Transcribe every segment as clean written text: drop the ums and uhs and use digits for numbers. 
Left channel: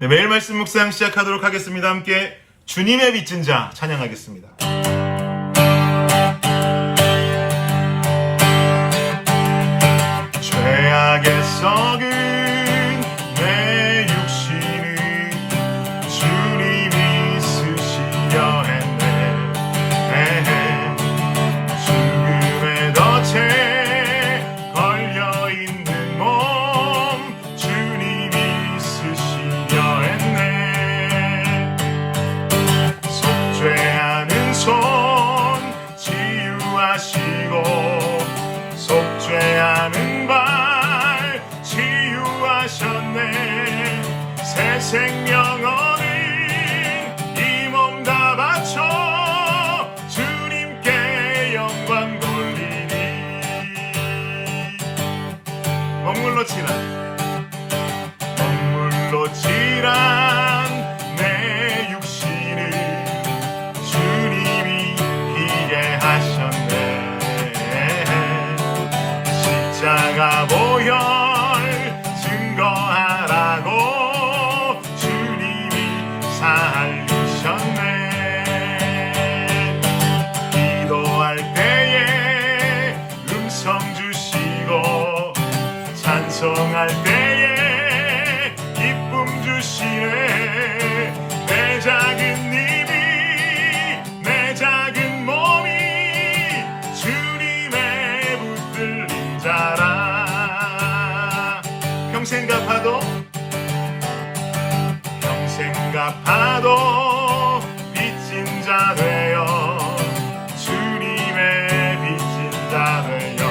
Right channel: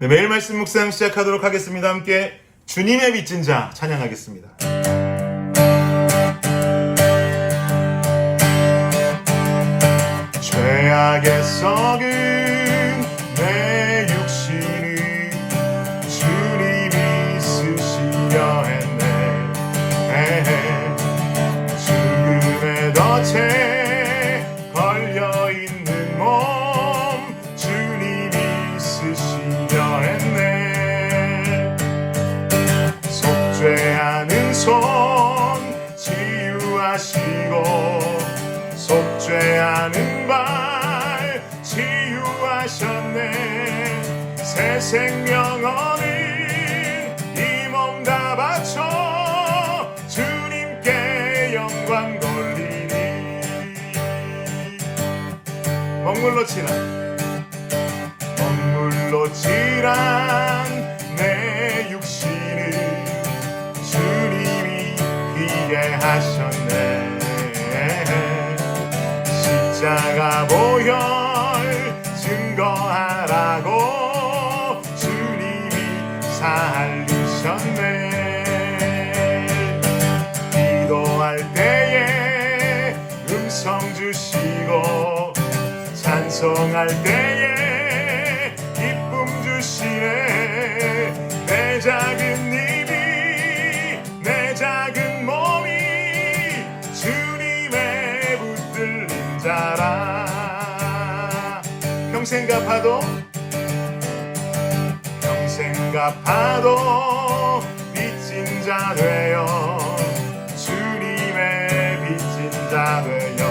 네, 매일 말씀 묵상 시작하도록 하겠습니다. 함께 주님의 빚진 자 찬양하겠습니다. 죄악에 썩은 내 육신을 주님이 쓰시려 했네. 죽음의 덫에 걸려있는 몸 주님이 쓰시려 했네. 속죄하는 손 치유하시고 속죄하는 발 치유하셨네. 새 생명 얻은 이 몸 다 바쳐 주님께 영광 돌리니. 먹물로 칠한 내 육신을 주님이 피게 하셨네. 십자가 보혈 증거하라고 주님이 살리셨네. 기도할 때에 음성 주시고 찬송할 때에 기쁨 주시네. 내 작은 입이 내 작은 몸이 주님의 붙들린 자라. 평생 갚아도 빚진 자 되어 주님의 빚진 자 되어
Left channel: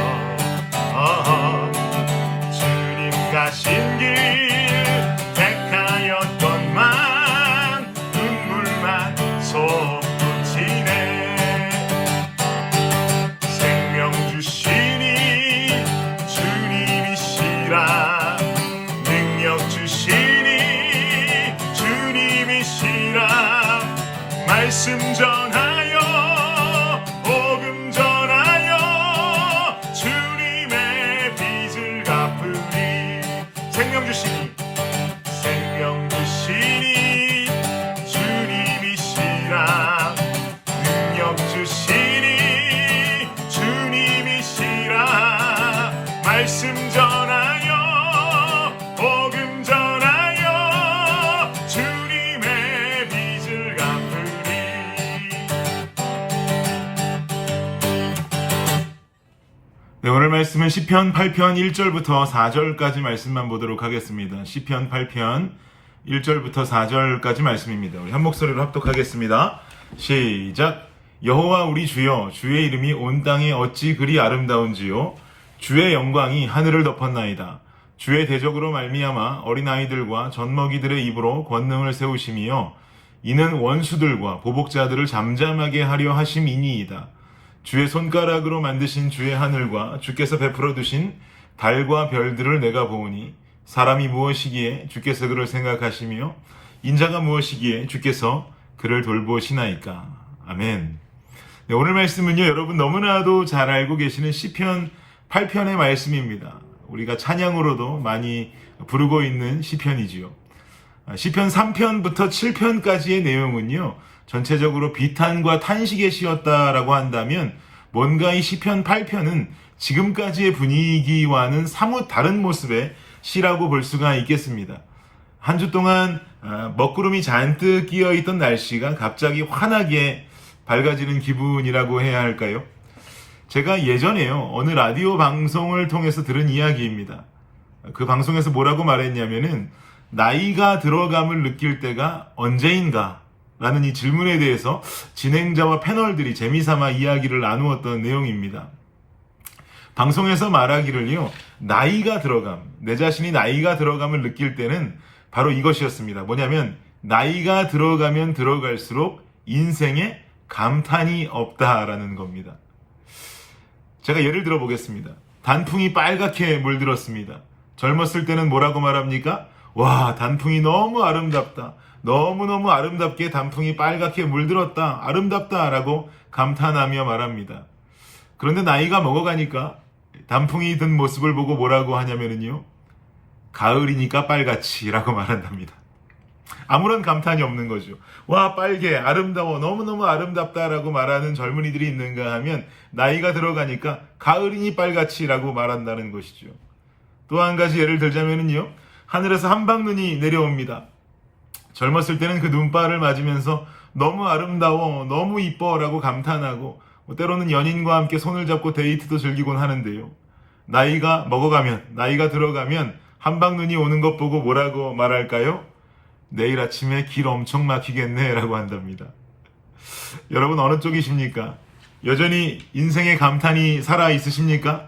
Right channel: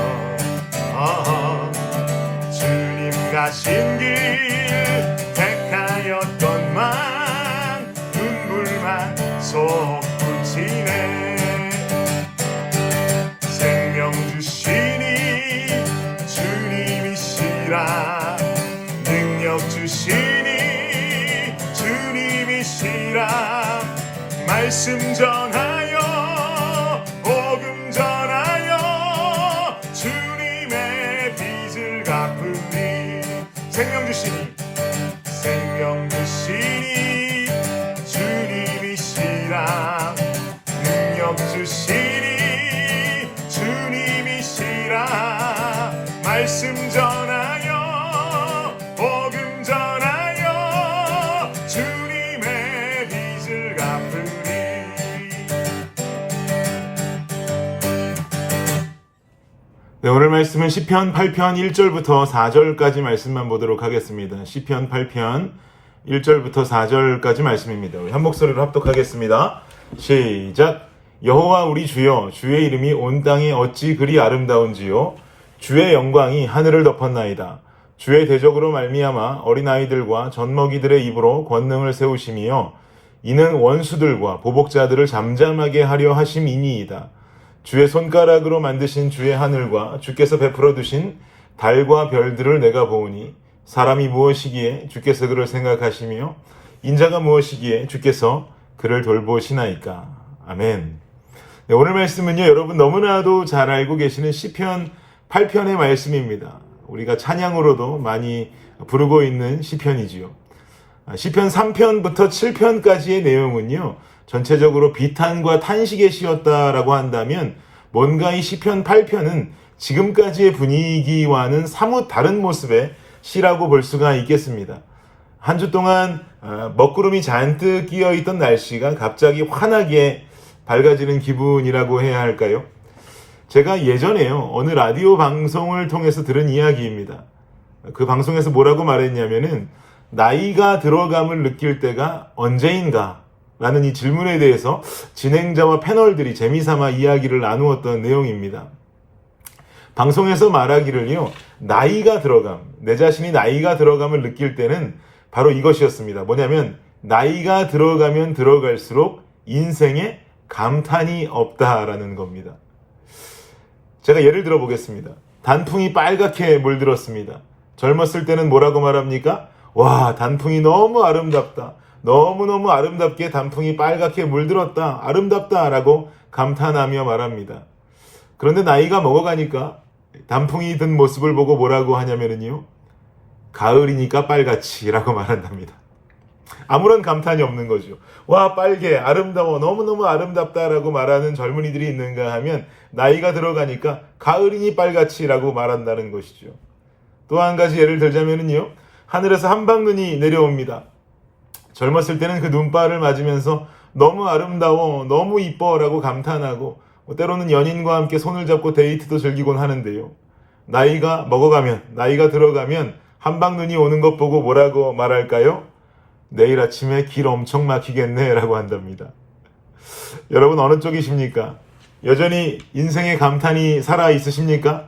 주님 가신 길 택하였건만 눈물만 솟구치네. 생명 주시니 주님이시라. 능력 주시니 주님이시라. 말씀 전하여 복음 전하여 주님의 빚을 갚으리. 생명 주시니 주님이시라. 능력 주시니 주님이시라. 말씀 전하여 복음 전하여 주님의 빚을 갚으리. 네, 오늘 말씀은 시편 8편 1절부터 4절까지 말씀만 보도록 하겠습니다. 시편 8편 1절부터 4절까지 말씀입니다. 우리 한 목소리로 합독하겠습니다. 시작. 여호와 우리 주여, 주의 이름이 온 땅에 어찌 그리 아름다운지요. 주의 영광이 하늘을 덮었나이다. 주의 대적으로 말미암아 어린아이들과 젖먹이들의 입으로 권능을 세우심이요. 이는 원수들과 보복자들을 잠잠하게 하려 하심이니이다. 주의 손가락으로 만드신 주의 하늘과 주께서 베풀어 두신 달과 별들을 내가 보오니 사람이 무엇이기에 주께서 그를 생각하시며 인자가 무엇이기에 주께서 그를 돌보시나이까. 아멘. 네, 오늘 말씀은요, 여러분 너무나도 잘 알고 계시는 시편 8편의 말씀입니다. 우리가 찬양으로도 많이 부르고 있는 시편이지요. 시편 3편부터 7편까지의 내용은요, 전체적으로 비탄과 탄식에 씌었다라고 한다면 뭔가 이 시편 8편은 지금까지의 분위기와는 사뭇 다른 모습의 시라고 볼 수가 있겠습니다. 한 주 동안 먹구름이 잔뜩 끼어있던 날씨가 갑자기 환하게 밝아지는 기분이라고 해야 할까요? 제가 예전에요, 어느 라디오 방송을 통해서 들은 이야기입니다. 그 방송에서 뭐라고 말했냐면은 나이가 들어감을 느낄 때가 언제인가? 라는 이 질문에 대해서 진행자와 패널들이 재미삼아 이야기를 나누었던 내용입니다. 방송에서 말하기를요, 나이가 들어감, 내 자신이 나이가 들어감을 느낄 때는 바로 이것이었습니다. 뭐냐면 나이가 들어가면 들어갈수록 인생에 감탄이 없다라는 겁니다. 제가 예를 들어 보겠습니다. 단풍이 빨갛게 물들었습니다. 젊었을 때는 뭐라고 말합니까? 와, 단풍이 너무 아름답다. 너무너무 아름답게 단풍이 빨갛게 물들었다. 아름답다 라고 감탄하며 말합니다. 그런데 나이가 먹어가니까 단풍이 든 모습을 보고 뭐라고 하냐면요, 가을이니까 빨갛지 라고 말한답니다. 아무런 감탄이 없는 거죠. 와, 빨개, 아름다워, 너무너무 아름답다라고 말하는 젊은이들이 있는가 하면 나이가 들어가니까 가을이니 빨갛지라고 말한다는 것이죠. 또 한 가지 예를 들자면요, 하늘에서 한방눈이 내려옵니다. 젊었을 때는 그 눈발을 맞으면서 너무 아름다워, 너무 이뻐라고 감탄하고 때로는 연인과 함께 손을 잡고 데이트도 즐기곤 하는데요. 나이가 먹어가면, 나이가 들어가면 한방눈이 오는 것 보고 뭐라고 말할까요? 내일 아침에 길 엄청 막히겠네 라고 한답니다. 여러분 어느 쪽이십니까? 여전히 인생의 감탄이 살아 있으십니까?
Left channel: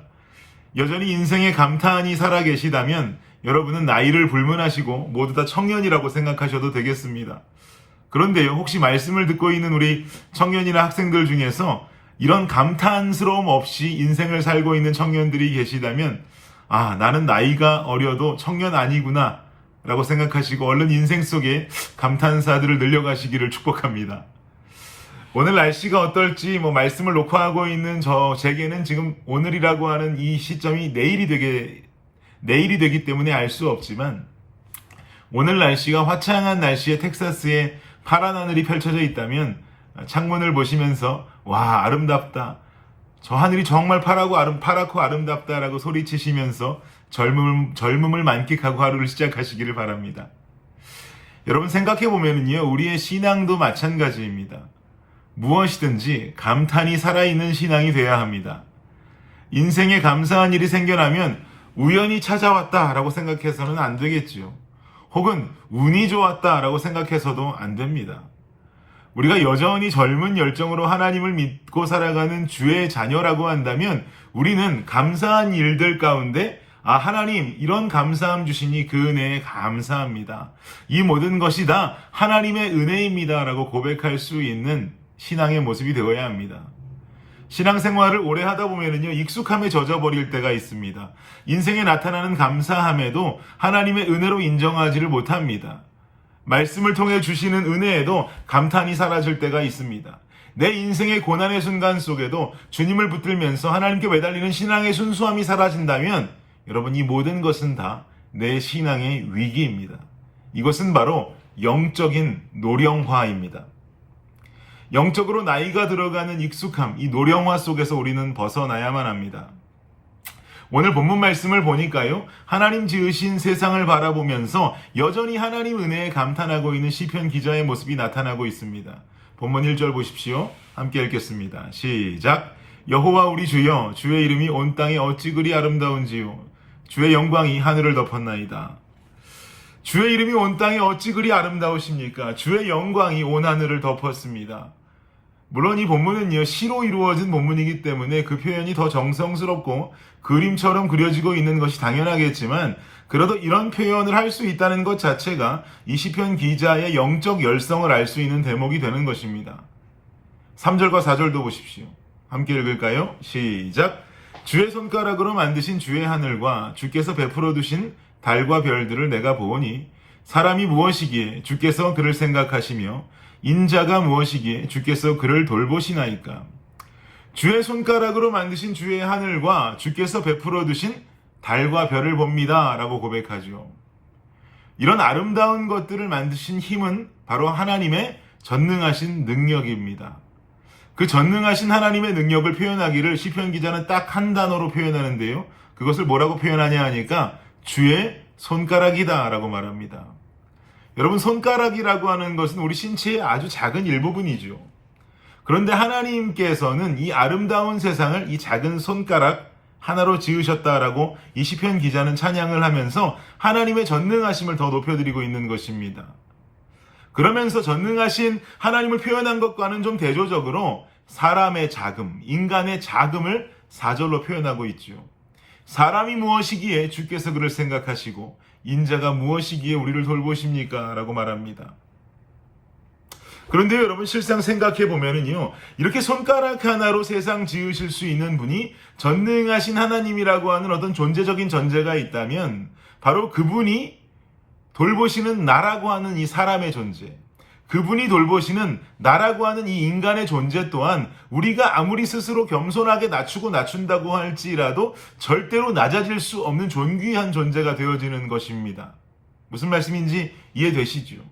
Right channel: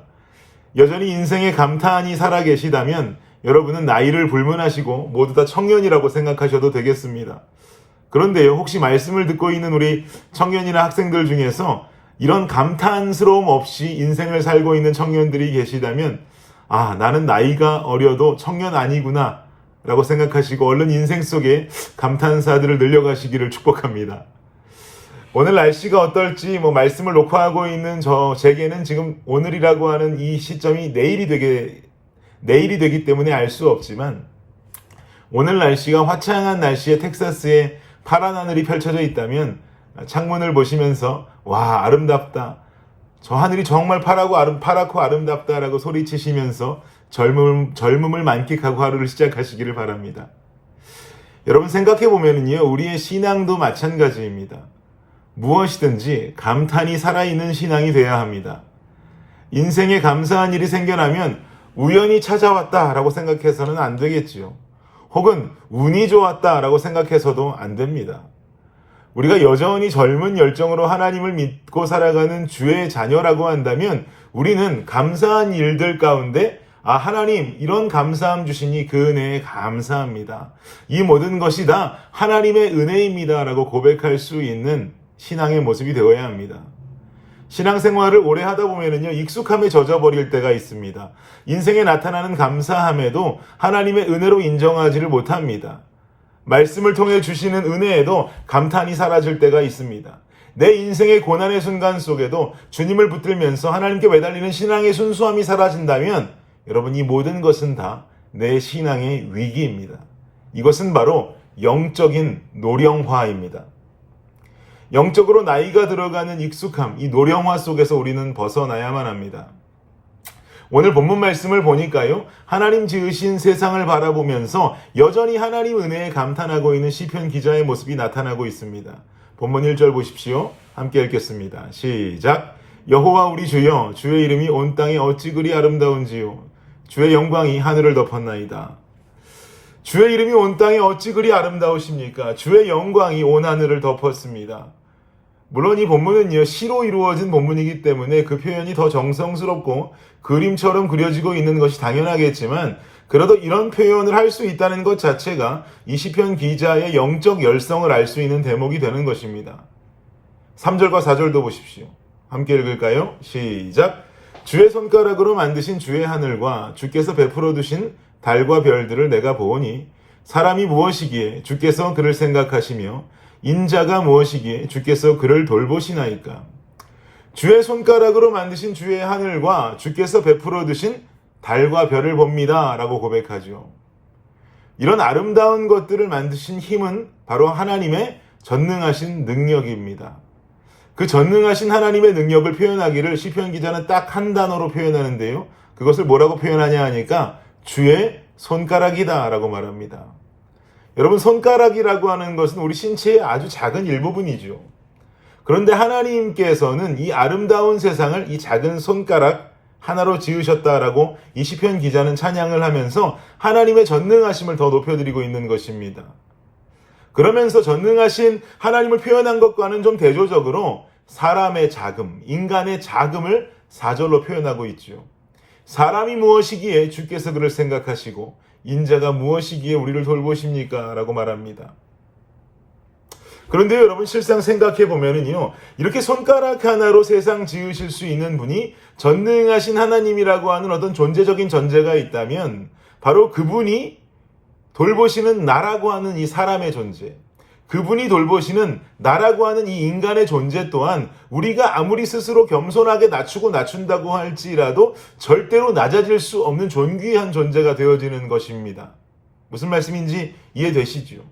여전히 인생의 감탄이 살아 계시다면 여러분은 나이를 불문하시고 모두 다 청년이라고 생각하셔도 되겠습니다. 그런데요, 혹시 말씀을 듣고 있는 우리 청년이나 학생들 중에서 이런 감탄스러움 없이 인생을 살고 있는 청년들이 계시다면 아, 나는 나이가 어려도 청년 아니구나 라고 생각하시고 얼른 인생 속에 감탄사들을 늘려가시기를 축복합니다. 오늘 날씨가 어떨지 말씀을 녹화하고 있는 제게는 지금 오늘이라고 하는 이 시점이 내일이 되기 때문에 알 수 없지만 오늘 날씨가 화창한 날씨에 텍사스에 파란 하늘이 펼쳐져 있다면 창문을 보시면서 와, 아름답다. 저 하늘이 정말 파랗고 아름답다라고 소리치시면서 젊음을 만끽하고 하루를 시작하시기를 바랍니다. 여러분 생각해보면요, 우리의 신앙도 마찬가지입니다. 무엇이든지 감탄이 살아있는 신앙이 되어야 합니다. 인생에 감사한 일이 생겨나면 우연히 찾아왔다라고 생각해서는 안 되겠지요. 혹은 운이 좋았다라고 생각해서도 안 됩니다. 우리가 여전히 젊은 열정으로 하나님을 믿고 살아가는 주의 자녀라고 한다면 우리는 감사한 일들 가운데 하나님 이런 감사함 주시니 그 은혜에 감사합니다. 이 모든 것이 다 하나님의 은혜입니다 라고 고백할 수 있는 신앙의 모습이 되어야 합니다. 신앙생활을 오래 하다 보면은요, 익숙함에 젖어버릴 때가 있습니다. 인생에 나타나는 감사함에도 하나님의 은혜로 인정하지를 못합니다. 말씀을 통해 주시는 은혜에도 감탄이 사라질 때가 있습니다. 내 인생의 고난의 순간 속에도 주님을 붙들면서 하나님께 매달리는 신앙의 순수함이 사라진다면 여러분 이 모든 것은 다 내 신앙의 위기입니다. 이것은 바로 영적인 노령화입니다. 영적으로 나이가 들어가는 익숙함, 이 노령화 속에서 우리는 벗어나야만 합니다. 오늘 본문 말씀을 보니까요, 하나님 지으신 세상을 바라보면서 여전히 하나님 은혜에 감탄하고 있는 시편 기자의 모습이 나타나고 있습니다. 본문 1절 보십시오. 함께 읽겠습니다. 시작. 여호와 우리 주여, 주의 이름이 온 땅에 어찌 그리 아름다운지요. 주의 영광이 하늘을 덮었나이다. 주의 이름이 온 땅에 어찌 그리 아름다우십니까? 주의 영광이 온 하늘을 덮었습니다. 물론 이 본문은요, 시로 이루어진 본문이기 때문에 그 표현이 더 정성스럽고 그림처럼 그려지고 있는 것이 당연하겠지만 그래도 이런 표현을 할 수 있다는 것 자체가 이 시편 기자의 영적 열성을 알 수 있는 대목이 되는 것입니다. 3절과 4절도 보십시오. 함께 읽을까요? 시작. 주의 손가락으로 만드신 주의 하늘과 주께서 베풀어 두신 달과 별들을 내가 보오니 사람이 무엇이기에 주께서 그를 생각하시며 인자가 무엇이기에 주께서 그를 돌보시나이까. 주의 손가락으로 만드신 주의 하늘과 주께서 베풀어 두신 달과 별을 봅니다 라고 고백하죠. 이런 아름다운 것들을 만드신 힘은 바로 하나님의 전능하신 능력입니다. 그 전능하신 하나님의 능력을 표현하기를 시편 기자는 딱 한 단어로 표현하는데요. 그것을 뭐라고 표현하냐 하니까 주의 손가락이다 라고 말합니다. 여러분 손가락이라고 하는 것은 우리 신체의 아주 작은 일부분이죠. 그런데 하나님께서는 이 아름다운 세상을 이 작은 손가락 하나로 지으셨다라고 이 시편 기자는 찬양을 하면서 하나님의 전능하심을 더 높여드리고 있는 것입니다. 그러면서 전능하신 하나님을 표현한 것과는 좀 대조적으로 사람의 자금, 인간의 자금을 4절로 표현하고 있죠. 사람이 무엇이기에 주께서 그를 생각하시고 인자가 무엇이기에 우리를 돌보십니까? 라고 말합니다. 그런데 여러분 실상 생각해 보면은요, 이렇게 손가락 하나로 세상 지으실 수 있는 분이 전능하신 하나님이라고 하는 어떤 존재적인 존재가 있다면 바로 그분이 돌보시는 나라고 하는 이 사람의 존재, 그분이 돌보시는 나라고 하는 이 인간의 존재 또한 우리가 아무리 스스로 겸손하게 낮춘다고 할지라도 절대로 낮아질 수 없는 존귀한 존재가 되어지는 것입니다. 무슨 말씀인지 이해되시죠?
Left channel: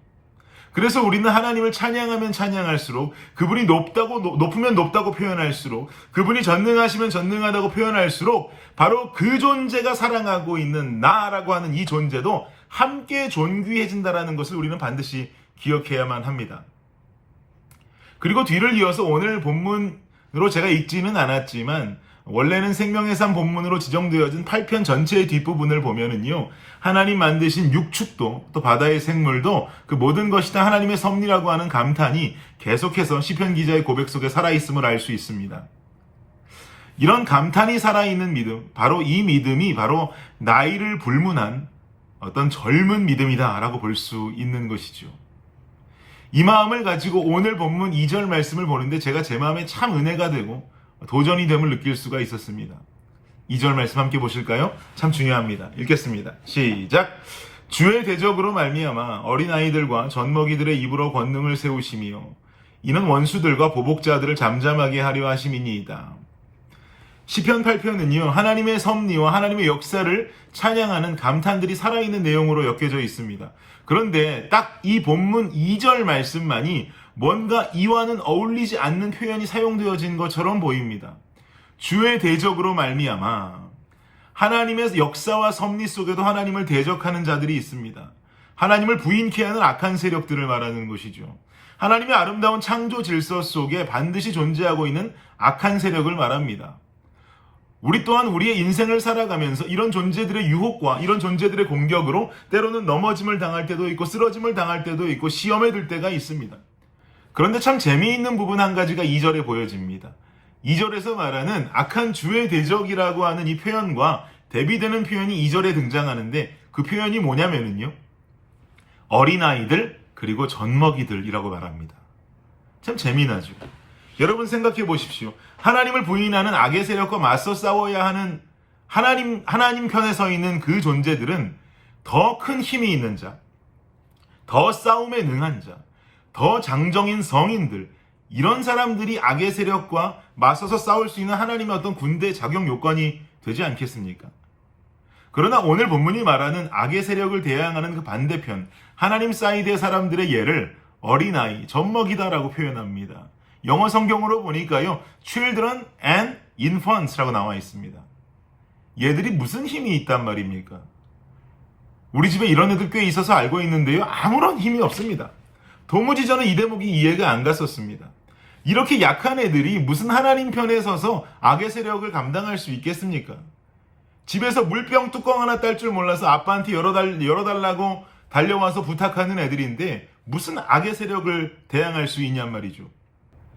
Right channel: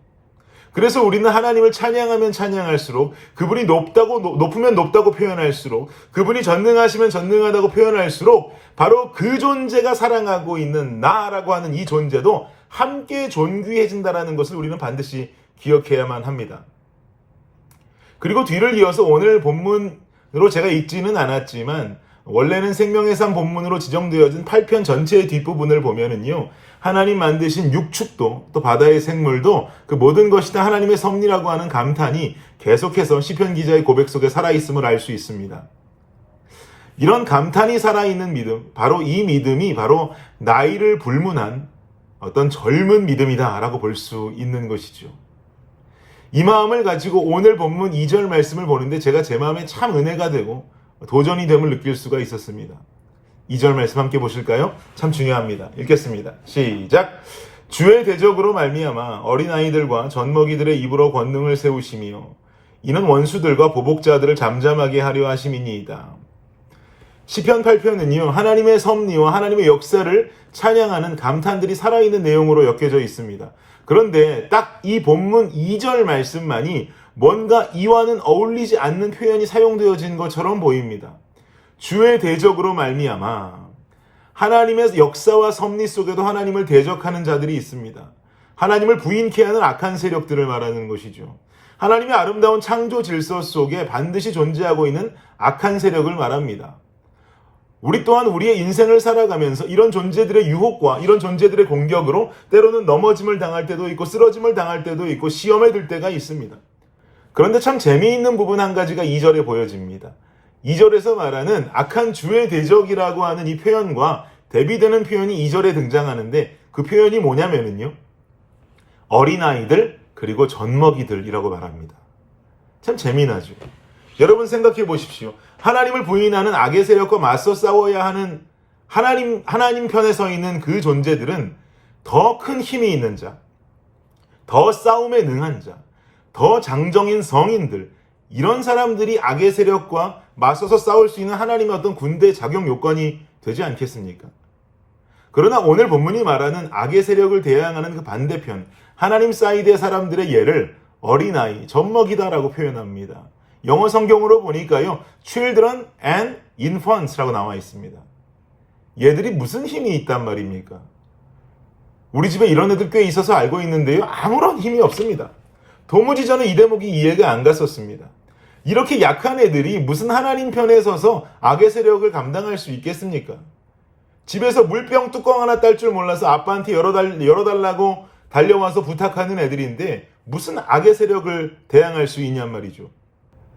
그래서 우리는 하나님을 찬양하면 찬양할수록, 그분이 높으면 높다고 표현할수록, 그분이 전능하시면 전능하다고 표현할수록 바로 그 존재가 사랑하고 있는 나라고 하는 이 존재도 함께 존귀해진다는 것을 우리는 반드시 기억해야만 합니다. 그리고 뒤를 이어서 오늘 본문으로 제가 읽지는 않았지만 원래는 생명의 삶 본문으로 지정되어진 8편 전체의 뒷부분을 보면은요, 하나님 만드신 육축도 또 바다의 생물도 그 모든 것이 다 하나님의 섭리라고 하는 감탄이 계속해서 시편 기자의 고백 속에 살아있음을 알 수 있습니다. 이런 감탄이 살아있는 믿음, 바로 이 믿음이 바로 나이를 불문한 어떤 젊은 믿음이다라고 볼 수 있는 것이죠. 이 마음을 가지고 오늘 본문 2절 말씀을 보는데 제가 제 마음에 참 은혜가 되고 도전이 됨을 느낄 수가 있었습니다. 2절 말씀 함께 보실까요? 참 중요합니다. 읽겠습니다. 시작. 주의 대적으로 말미암아 어린아이들과 젖먹이들의 입으로 권능을 세우시며 이는 원수들과 보복자들을 잠잠하게 하려 하심이니이다. 시편 8편은요, 하나님의 섭리와 하나님의 역사를 찬양하는 감탄들이 살아있는 내용으로 엮여져 있습니다. 그런데 딱 이 본문 2절 말씀만이 뭔가 이와는 어울리지 않는 표현이 사용되어진 것처럼 보입니다. 주의 대적으로 말미암아, 하나님의 역사와 섭리 속에도 하나님을 대적하는 자들이 있습니다. 하나님을 부인케 하는 악한 세력들을 말하는 것이죠. 하나님의 아름다운 창조 질서 속에 반드시 존재하고 있는 악한 세력을 말합니다. 우리 또한 우리의 인생을 살아가면서 이런 존재들의 유혹과 이런 존재들의 공격으로 때로는 넘어짐을 당할 때도 있고 쓰러짐을 당할 때도 있고 시험에 들 때가 있습니다. 그런데 참 재미있는 부분 한 가지가 2절에 보여집니다. 2절에서 말하는 악한 주의 대적이라고 하는 이 표현과 대비되는 표현이 2절에 등장하는데 그 표현이 뭐냐면요, 어린아이들 그리고 젖먹이들이라고 말합니다. 참 재미나죠. 여러분 생각해 보십시오. 하나님을 부인하는 악의 세력과 맞서 싸워야 하는 하나님 편에 서 있는 그 존재들은 더 큰 힘이 있는 자, 더 싸움에 능한 자, 더 장정인 성인들, 이런 사람들이 악의 세력과 맞서서 싸울 수 있는 하나님의 어떤 군대 자격 요건이 되지 않겠습니까? 그러나 오늘 본문이 말하는 악의 세력을 대항하는 그 반대편, 하나님 사이드의 사람들의 예를 어린아이, 젖먹이다라고 표현합니다. 영어 성경으로 보니까요, children and infants라고 나와 있습니다. 얘들이 무슨 힘이 있단 말입니까? 우리 집에 이런 애들 꽤 있어서 알고 있는데요, 아무런 힘이 없습니다. 도무지 저는 이 대목이 이해가 안 갔었습니다. 이렇게 약한 애들이 무슨 하나님 편에 서서 악의 세력을 감당할 수 있겠습니까? 집에서 물병 뚜껑 하나 딸 줄 몰라서 아빠한테 열어달라고 달려와서 부탁하는 애들인데 무슨 악의 세력을 대항할 수 있냔 말이죠.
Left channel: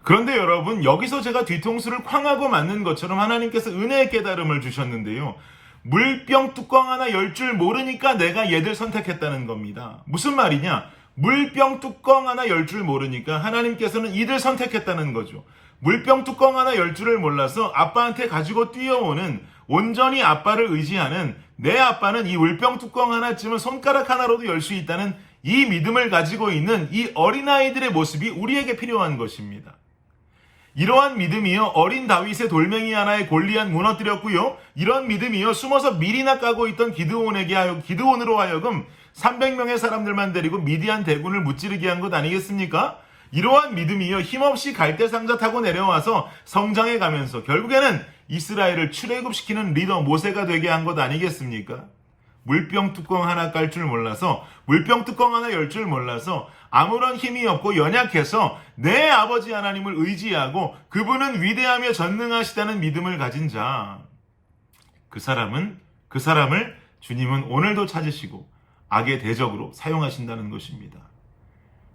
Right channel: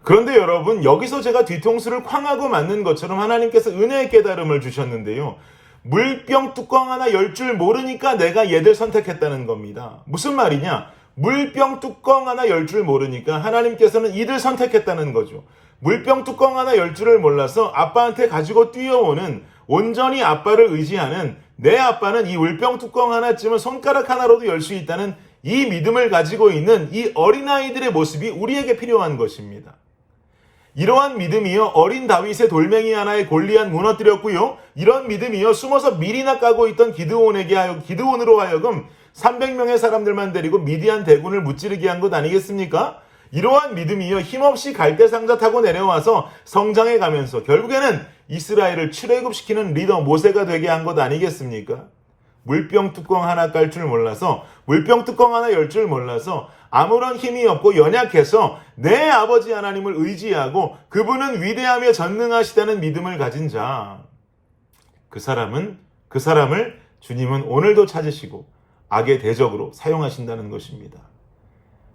그런데 여러분, 여기서 제가 뒤통수를 쾅하고 맞는 것처럼 하나님께서 은혜의 깨달음을 주셨는데요, 물병 뚜껑 하나 열 줄 모르니까 내가 얘들 선택했다는 겁니다. 무슨 말이냐? 물병 뚜껑 하나 열 줄 모르니까 하나님께서는 이들 선택했다는 거죠. 물병 뚜껑 하나 열 줄을 몰라서 아빠한테 가지고 뛰어오는, 온전히 아빠를 의지하는 내 아빠는 이 물병 뚜껑 하나쯤은 손가락 하나로도 열 수 있다는 이 믿음을 가지고 있는 이 어린아이들의 모습이 우리에게 필요한 것입니다. 이러한 믿음이요, 어린 다윗의 돌멩이 하나에 골리앗 무너뜨렸고요, 이런 믿음이요, 숨어서 밀이나 까고 있던 기드온으로 하여금 300명의 사람들만 데리고 미디안 대군을 무찌르게 한 것 아니겠습니까? 이러한 믿음이요, 힘없이 갈대상자 타고 내려와서 성장해 가면서 결국에는 이스라엘을 출애굽시키는 리더 모세가 되게 한 것 아니겠습니까? 물병 뚜껑 하나 깔 줄 몰라서, 물병 뚜껑 하나 열 줄 몰라서, 아무런 힘이 없고 연약해서 내 아버지 하나님을 의지하고 그분은 위대하며 전능하시다는 믿음을 가진 자, 그 사람을 주님은 오늘도 찾으시고 악의 대적으로 사용하신다는 것입니다.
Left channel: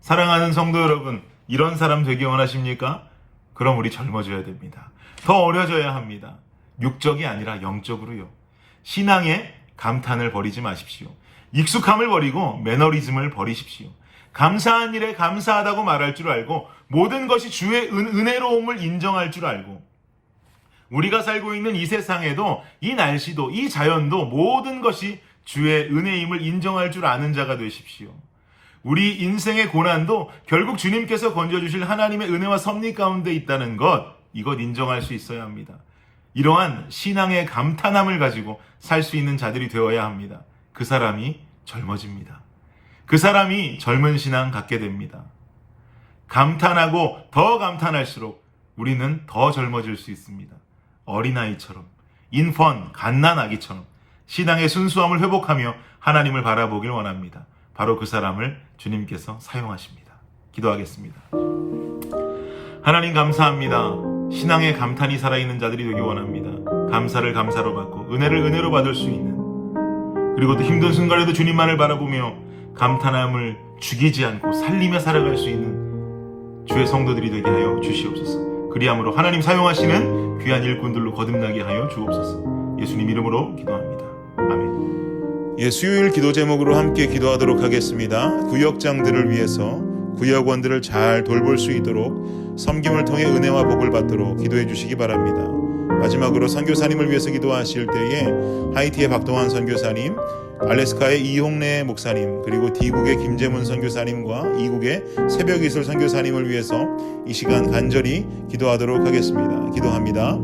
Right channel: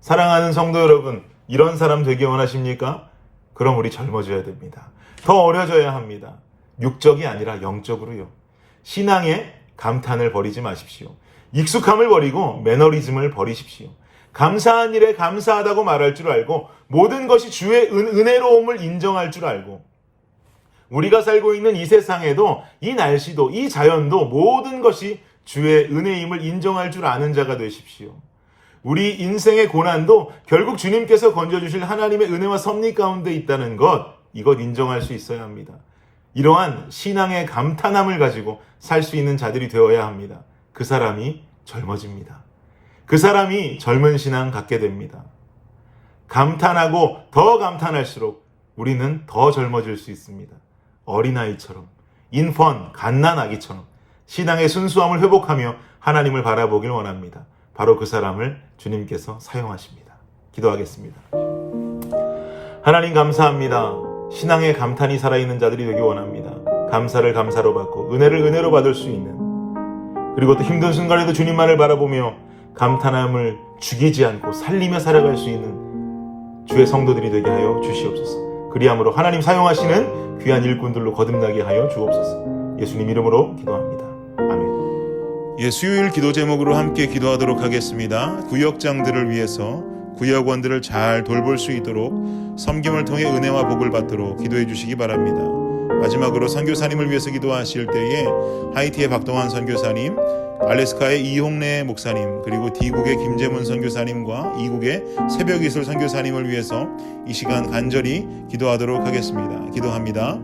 사랑하는 성도 여러분, 이런 사람 되기 원하십니까? 그럼 우리 젊어져야 됩니다. 더 어려져야 합니다. 육적이 아니라 영적으로요. 신앙의 감탄을 버리지 마십시오. 익숙함을 버리고 매너리즘을 버리십시오. 감사한 일에 감사하다고 말할 줄 알고 모든 것이 주의 은혜로움을 인정할 줄 알고, 우리가 살고 있는 이 세상에도 이 날씨도 이 자연도 모든 것이 주의 은혜임을 인정할 줄 아는 자가 되십시오. 우리 인생의 고난도 결국 주님께서 건져주실 하나님의 은혜와 섭리 가운데 있다는 것, 이것 인정할 수 있어야 합니다. 이러한 신앙의 감탄함을 가지고 살 수 있는 자들이 되어야 합니다. 그 사람이 젊어집니다. 그 사람이 젊은 신앙 갖게 됩니다. 감탄하고 더 감탄할수록 우리는 더 젊어질 수 있습니다. 어린아이처럼, 인펀, 갓난아기처럼 신앙의 순수함을 회복하며 하나님을 바라보길 원합니다. 바로 그 사람을 주님께서 사용하십니다. 기도하겠습니다. 하나님 감사합니다. 신앙의 감탄이 살아있는 자들이 되기 원합니다. 감사를 감사로 받고 은혜를 은혜로 받을 수 있는, 그리고 또 힘든 순간에도 주님만을 바라보며 감탄함을 죽이지 않고 살리며 살아갈 수 있는 주의 성도들이 되게 하여 주시옵소서. 그리함으로 하나님 사용하시는 귀한 일꾼들로 거듭나게 하여 주옵소서. 예수님 이름으로 기도합니다. 아멘. 수요일 기도 제목으로 함께 기도하도록 하겠습니다. 구역장들을 위해서 구역원들을 잘 돌볼 수 있도록 섬김을 통해 은혜와 복을 받도록 기도해 주시기 바랍니다. 마지막으로 선교사님을 위해서 기도하실 때에 하이티의 박동환 선교사님, 알래스카의 이홍래 목사님, 그리고 D국의 김재문 선교사님과 이국의 새벽이슬 선교사님을 위해서 이 시간 간절히 기도하도록 하겠습니다. 기도합니다.